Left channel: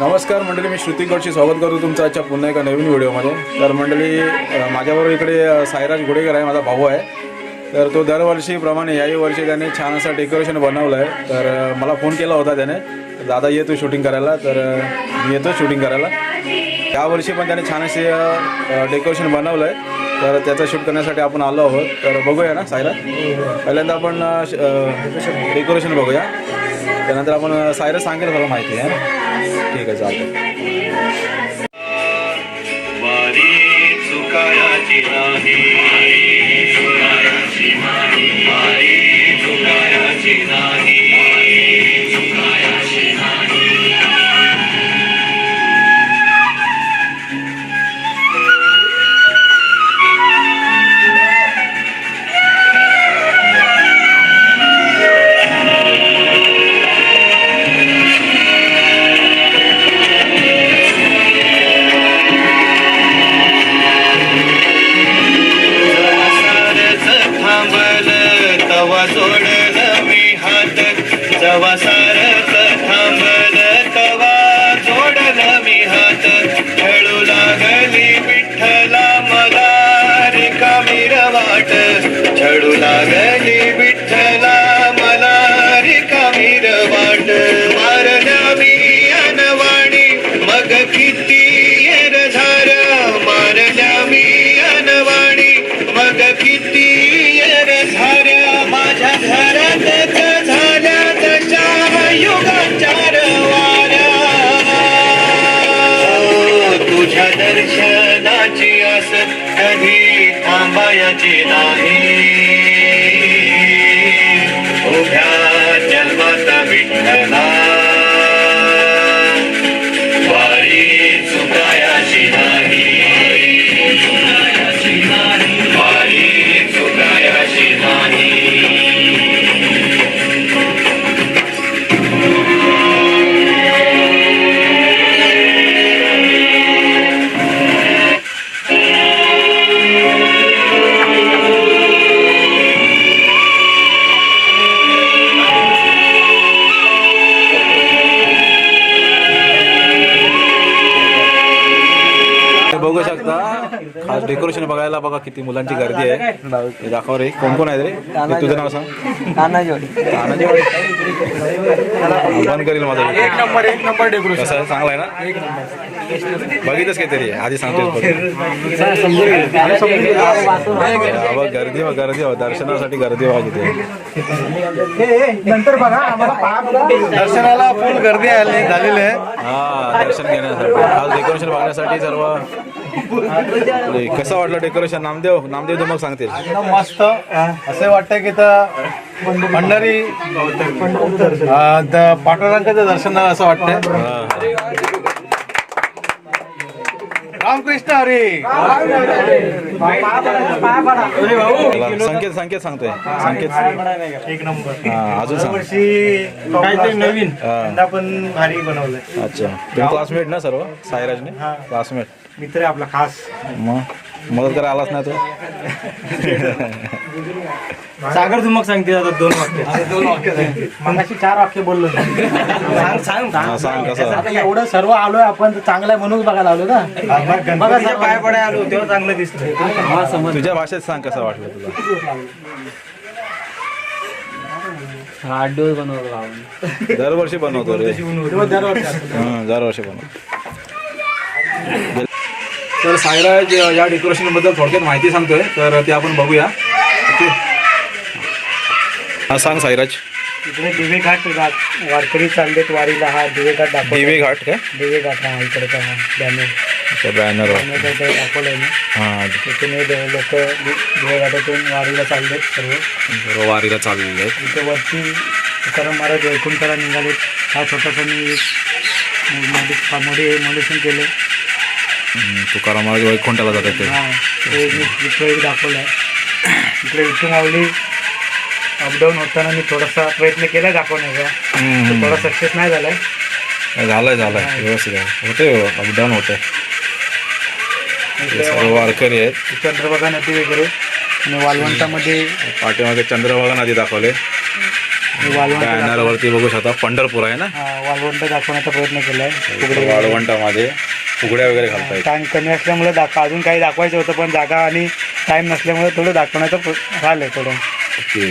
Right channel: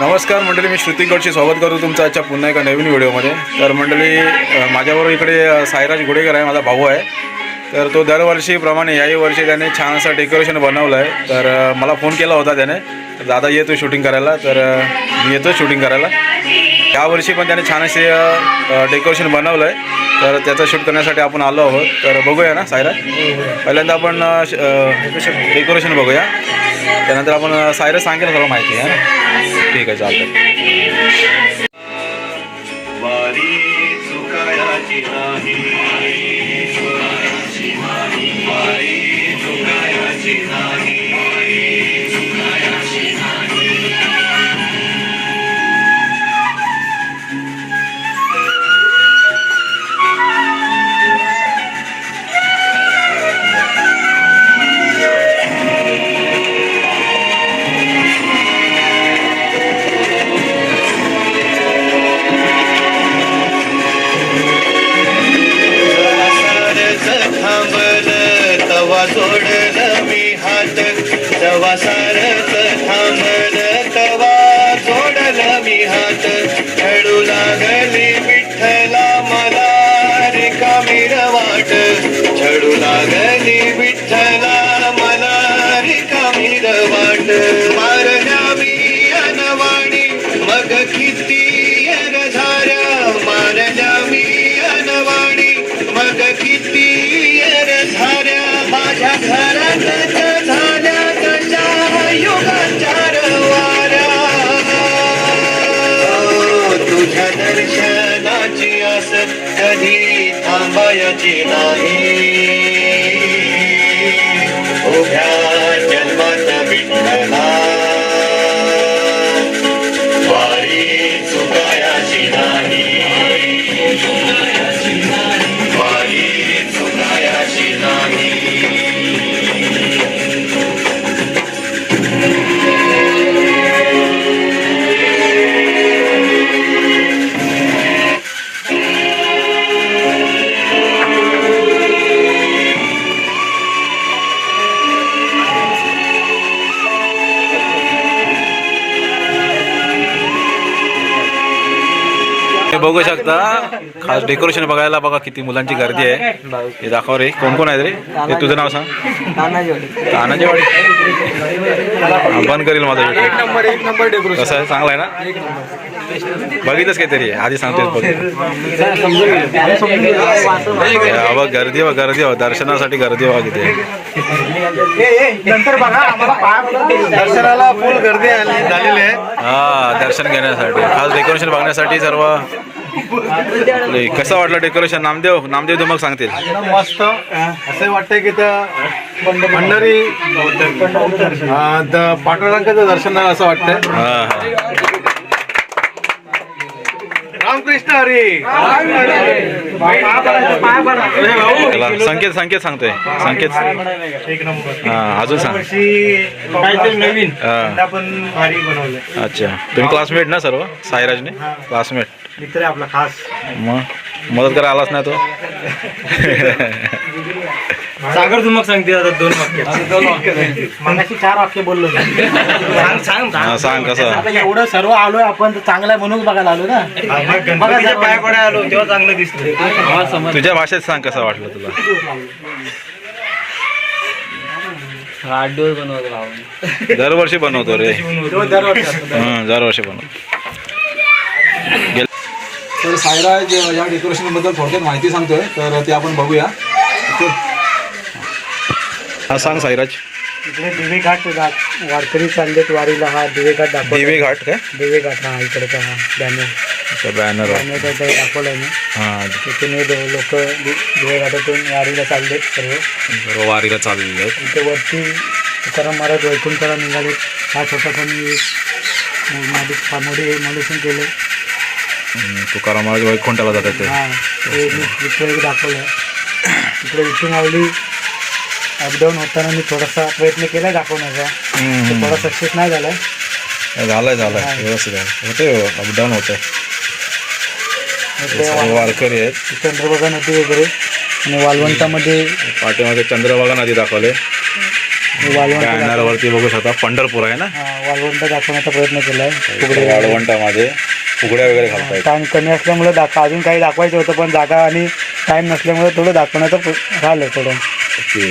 नमस्कार मंडळी मी श्रुती गडशी स्वागत करतो तुमचं आजच्या पुन्हा एका नवीन व्हिडिओमध्ये. तर मंडळी माझ्याबरोबर इकडे सायराज साईराज गुडेकर आहे माझा भाऊ आहे. तर तो दरवर्षीप्रमाणे याही वर्षी त्याने छान असं डेकोरेशन बनवलं आहे तर मला फोन केला होता त्याने. तर दादा येतो शूटिंग करायला. तर मी येतो शूटिंग करायला. यावर्षी पण त्याने छान असे डेकोरेशन बनवलं आहे तर त्याचं शूट करण्यासाठी आपण आलो आहोत. तर बघूया ना सायराज पहिल्यांदा आपण डेकोरेशन बघूया. त्यानंतर आपण अ, सायराज सांगेल सर्व माहिती आहे ना? ठीक आहे चालतं பசுடு थांबायची नाही खास डेकोरेशन बघायला बघा किती मुलांची गर्दी आहे. हे दाखव रे. कोण कोण आहेत रे? हे तुझं नाव सांग. तानाजी वाडी बंद करील माझा YouTube. नंबर एक नंबर डेकोरेशन कसं आहे? चांगला आहे ना? बघितच काहीतरी? आधी सांगतेस बघ. गर्दी बघ गर्दी हो दर्शनासाठी गर्दी बघा किती दर्शनाला फुल गर्दी झालेली आहे. हा दर्शन घेण्यासाठी. खास डेकोरेशन बघण्यासाठी सर्व कसं वाटलं डेकोरेशन नामदेव नामदेव मग सांगतील. मस्त असं वाटतंय की तर द- पांडुरंगाचं दर्शन असं वाटतंय. रामकृष्ण हरी. संकेत संकेत सांगतोय. संकेत. हा अजून सांग. काहीतरी नवीन. हा. पण भारी बनवलं अच्छा. तुम्ही क्लासमेट ना सर्व? साईराजने? क्लासमेट मित्र आहे आपला खास. मग? मदत करा आलाच नाही तो? सागर तू मग सांगते आता दोन वाक्य. दोन वाक्य मगाशी चार वाक्य बोललो सांग सांग हा, सांग कसं? आता एवढं सर्व आलोय आपण तर चांगलं आहे म्हणून बघायला आलो ना? बघा साहेब, पाय पडाय आलो तेव्हा चांगलं दिसतं तुझ्या भाषेत सांग कसं वाटलं तुला? दरवर्षी बनवतो रे. हं, दरवर्षी बनवतो. गेल- तर सायराज या डेकोरेशनबद्दल थोडक्यात माहिती सांगतोय तर ते आपण बघूया. ओके? हा सांग साईराज इकडे दिवे घाट वारकरी चाललेत वारीला हा दिवे घाट दाखव दिवे घाट काय दिवे घाट हा इकडचा हा. बॅनर बॅनर काही दाखवलंय ना हा. तिथून लोक दिवे घाटातून वारीला चाललेत सर्व. सर्व वारीला चाललेले आहेत इथे वरती तुकाराम महाराज वैकुंठाला निघाले हा छोटाखानी एक मालिक मोडी मॉलिशन केलं तुकाराम महाराज वैकुंठाला जातात ते. दाखवलं इकडे इथून आवली अपडाऊन होताना मी थोडासा प्रयत्न केला दाखवण्याचा. थोडा सक्सेस नाही झालाय. झालंय झालंय. व्यवस्थित आहे. होते अपडाऊन होते वारकरी आहेत. चंद्रभागा नदी वगैरे आणि वालवंटामध्ये पाठीमागे चंद्रभागा नदी दाखवले. बॅनरवरती बघू शकता पंढरपूर आहे ना? वाळवंट दाखवण्याचा प्रयत्न केला वाळवंटामध्ये. फुगड्या वगैरे घालतायत. टाइम कमी असल्यामुळे दाखवा अजून काही दाखवायचं होतं पण जागा आणि टाइम नसल्यामुळे थोडं दाखवण्याचं राहिलं थोडं. ओके.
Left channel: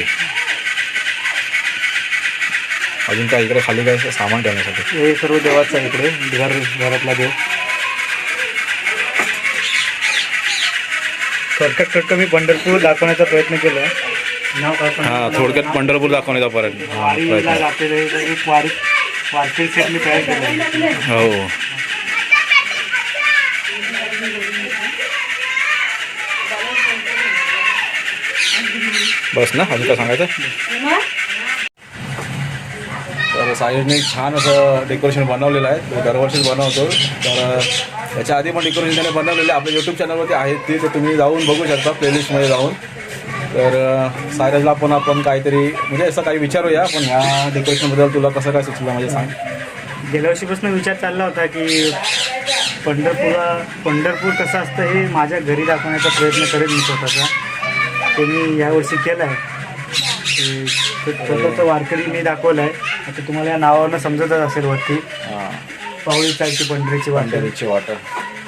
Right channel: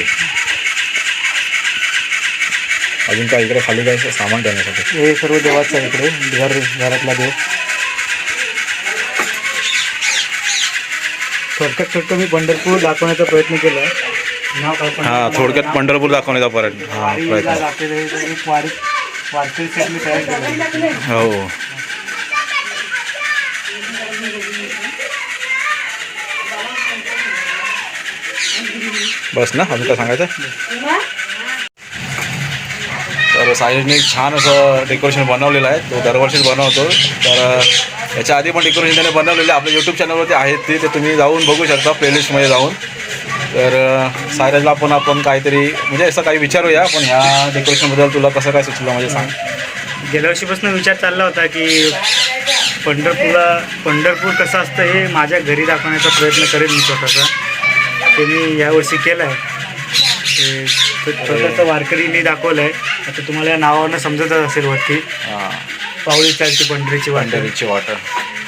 अजून काय इकडे खाली काय सामान ठेवण्यासाठी? हे सर्व देवाचं आहे इकडे घर घरातला देव. थोडक्यात थोडक्यात मी पंढरपूर दाखवण्याचा प्रयत्न केला. नाव हा थोडक्यात पंढरपूर दाखवण्याचा परत हा प्रयत्न. जातेले एक वारी वारकरी सेट मी तयार केला आहे. हो. बस ना अजून काय सांगायचं तर साईजने छान असं डेकोरेशन बनवलेलं आहे. तो दरवर्षीच बनवतो. तर याच्या आधी पण डेकोरेशन त्याने बनवलेलं आहे. आपल्या यूट्यूब चॅनलवरती आहेत ते. ते तुम्ही जाऊन बघू शकता प्लेलिस्टमध्ये जाऊन. तर सायराजला पण आपण काहीतरी म्हणजे असं काही विचारूया पण ह्या डेकोरेशनबद्दल तुला कसं काय सुचलं म्हणजे सांग. गेल्या वर्षीपासून विचार चालला होता की पंढरपूरला पंढरपूर कसं असतं हे माझ्या घरी दाखवण्याचा प्रयत्न करेन मी स्वतःचा. ते मी यावर्षी केलं आहे छोटंसं वारकरी मी दाखवलं आहे आता तुम्हाला या नावावरनं समजतच असेल वरती. पावळी चालती पंढरीची वाटत पंढरीची वाटर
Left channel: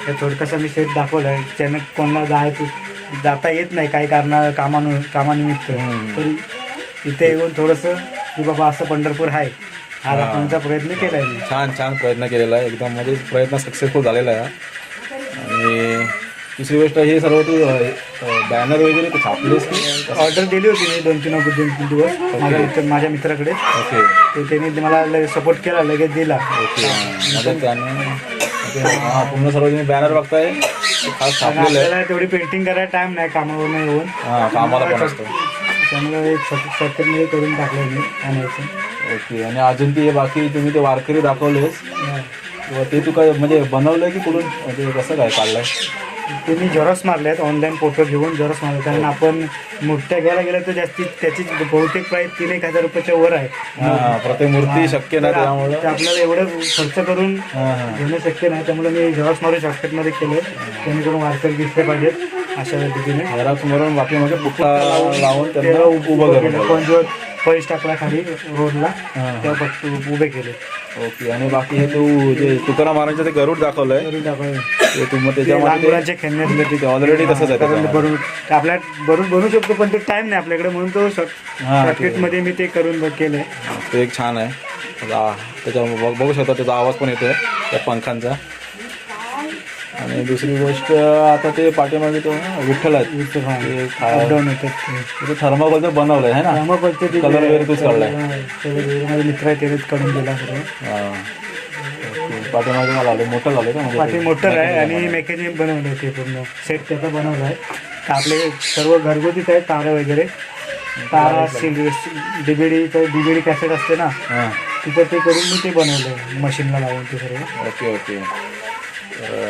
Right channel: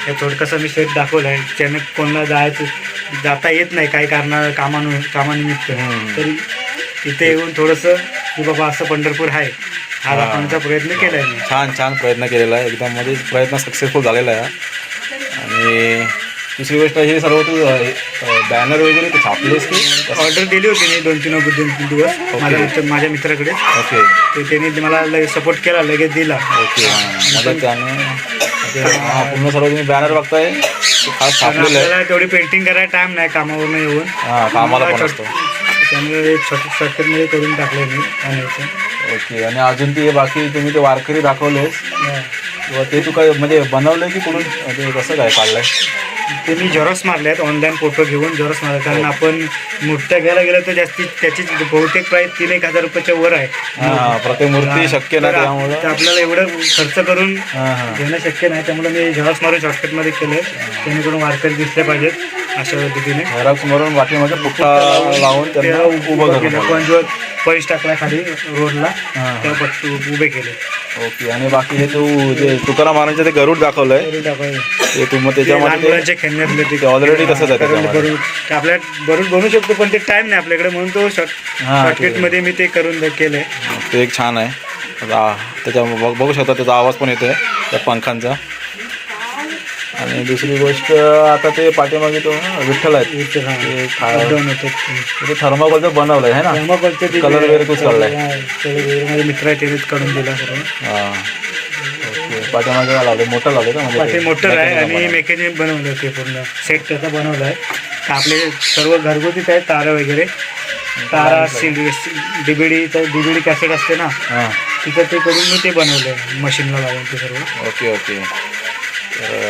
हे थोडकंसं मी सेट दाखवलं आहे त्यानं कोणाला जायचं जाता येत नाही काही कारणा कामानु कामानिमित्त. तरी इथे येऊन थोडंसं की बाबा असं पंढरपूर आहे. हा. दाखवण्याचा प्रयत्न केला आहे मी. छान छान प्रयत्न केलेला आहे. एकदम म्हणजे प्रयत्न सक्सेसफुल झालेला आहे. हा. आणि दुसरी गोष्ट हे सर्व तू बॅनर वगैरे ते छापलेस की? ऑर्डर दिली होती मी दोन तीन दोन तीन दिवस. माझ्या मित्र माझ्या मित्राकडे. ओके ते त्यांनी मला लगेच सपोर्ट केला लगेच दिला. ओके पूर्ण सर्व तुम्ही बॅनर बघताय. खास आपल्याला तेवढी पेंटिंग करायला टाइम नाही कामावरून येऊन. हां कामाला पण असतं. त्यामुळे शॉर्टकटमध्ये करून टाकलं मी आणायचं. ओके आणि अजून ते बाकी तुम्ही ते वारकरी दाखवलेस. किंवा ते तू काय म्हणजे बनवलंय की कुठून ते कसं काय काढलंय ते मी झेरॉक्स मारले आहेत ऑनलाईन फोटो घेऊन झेरॉक्स मारले कारण आपण मूर्त्या घ्यायला गेलं तर जास्ती त्याची बहुतेक प्राईस तीन एक हजार रुपयाच्या वर आहे. हां प्रत्येक मूर्ती शक्य नाही तर आप- त्यामुळं आपल्याला एवढं खर्च करून हां हां. घेणं शक्य नाही. त्यामुळे मी झेरॉक्स मारून शॉर्टकटमध्ये केलं जेणेकरून वारकरी दिसले पाहिजेत. अशा पद्धतीने. झेरॉक्स मारून पाठीमागे पुट्टा लावून त्यांना ते उभं केलं. जो पैस टाकला खाली रोडला. त्या पट्ट उभे केले. ओके आणि बाकी हे तू जे तुकाराम महाराजांचं ते गरुड दाखवलंय. तरी टाकावे. ते तू मग ते लहान त्याच्यामध्ये मुलांचे खेळणे असले ते. already तसंच आहे त्याच्यामध्ये. ते आपल्या बनवून बनवू शकतो पण ते टाइम नाही आपल्याकडे म्हणून तो शॉर्ट हां, शॉर्टकटमध्ये मी ते करून केलंय. ते एक छान आहे. आता त्याच्या बघ- बघू शकता त्याचा आवाज पण येतोय त्या पंखांचा. आणि दुसरी गोष्ट आता ते पाठीमागे तो विठ्ठल आहेत. इथे हा. ते खा- ते. थर्माकोलचं बनवलंय है ना? Colour वगैरे तूच काढलाय? मित्र आहे त्यांनीच काढून दिला सर्व. हां. ओके पाठीमागे काय लावलंय मोठं लावलंय का? म्हणजे पाठी ते मोठं आहे आणि. मेकॅनिझम बनवलं ते पूर्ण. सेट त्याचा बनवला आहे आपले सर्व घरगुतीच आहेत तारा वगैरे. तारा डीबीडी डीबीडी कॅसेट असते ना? हां. तिथं ते करून मी ते बनवलं मशीनला लावून ते सर्व. Okay okay. तर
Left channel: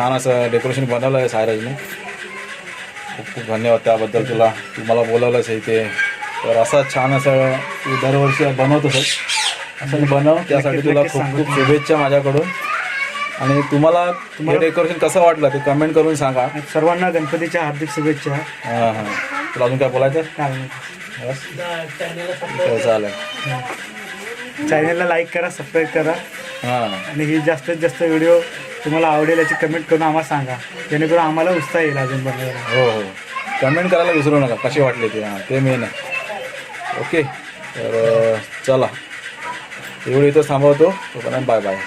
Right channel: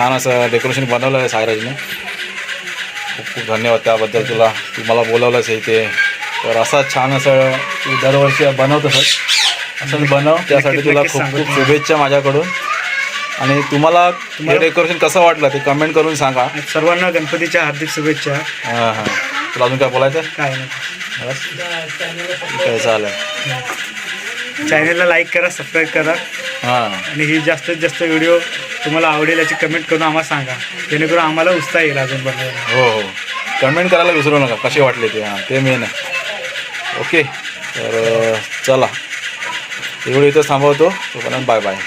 छान असं डेकोरेशन बनवलं आहे सायराजने. खूप खूप धन्यवाद त्याबद्दल तुला. तू मला बोलावलंच आहे इथे. तर असं छान असं तू दरवर्षी बनवतोस. असंच बनव. त्यासाठी तुला खूप खूप तुम्हाला. शुभेच्छा माझ्याकडून. आणि तुम्हाला हे डेकोरेशन कसं वाटलं ते कमेंट करून सांगा. सर्वांना गणपतीच्या हार्दिक शुभेच्छा. हां हां. तुला अजून काय बोलायचं? काय नाही. चालेल. चॅनलला लाईक करा सबस्क्राईब करा. हां. आणि ही जास्तीत जास्त व्हिडिओ तुम्हाला आवडेल याची कमेंट करून आम्हाला सांगा. जेणेकरून आम्हाला उत्साह येईल अजून बनवायला. हो हो. कमेंट करायला विसरू नका. कसे वाटले ते? हां ते मेन आहे. ओके तर चला. एवढं इथं थांबवतो. तोपर्यंत बाय बाय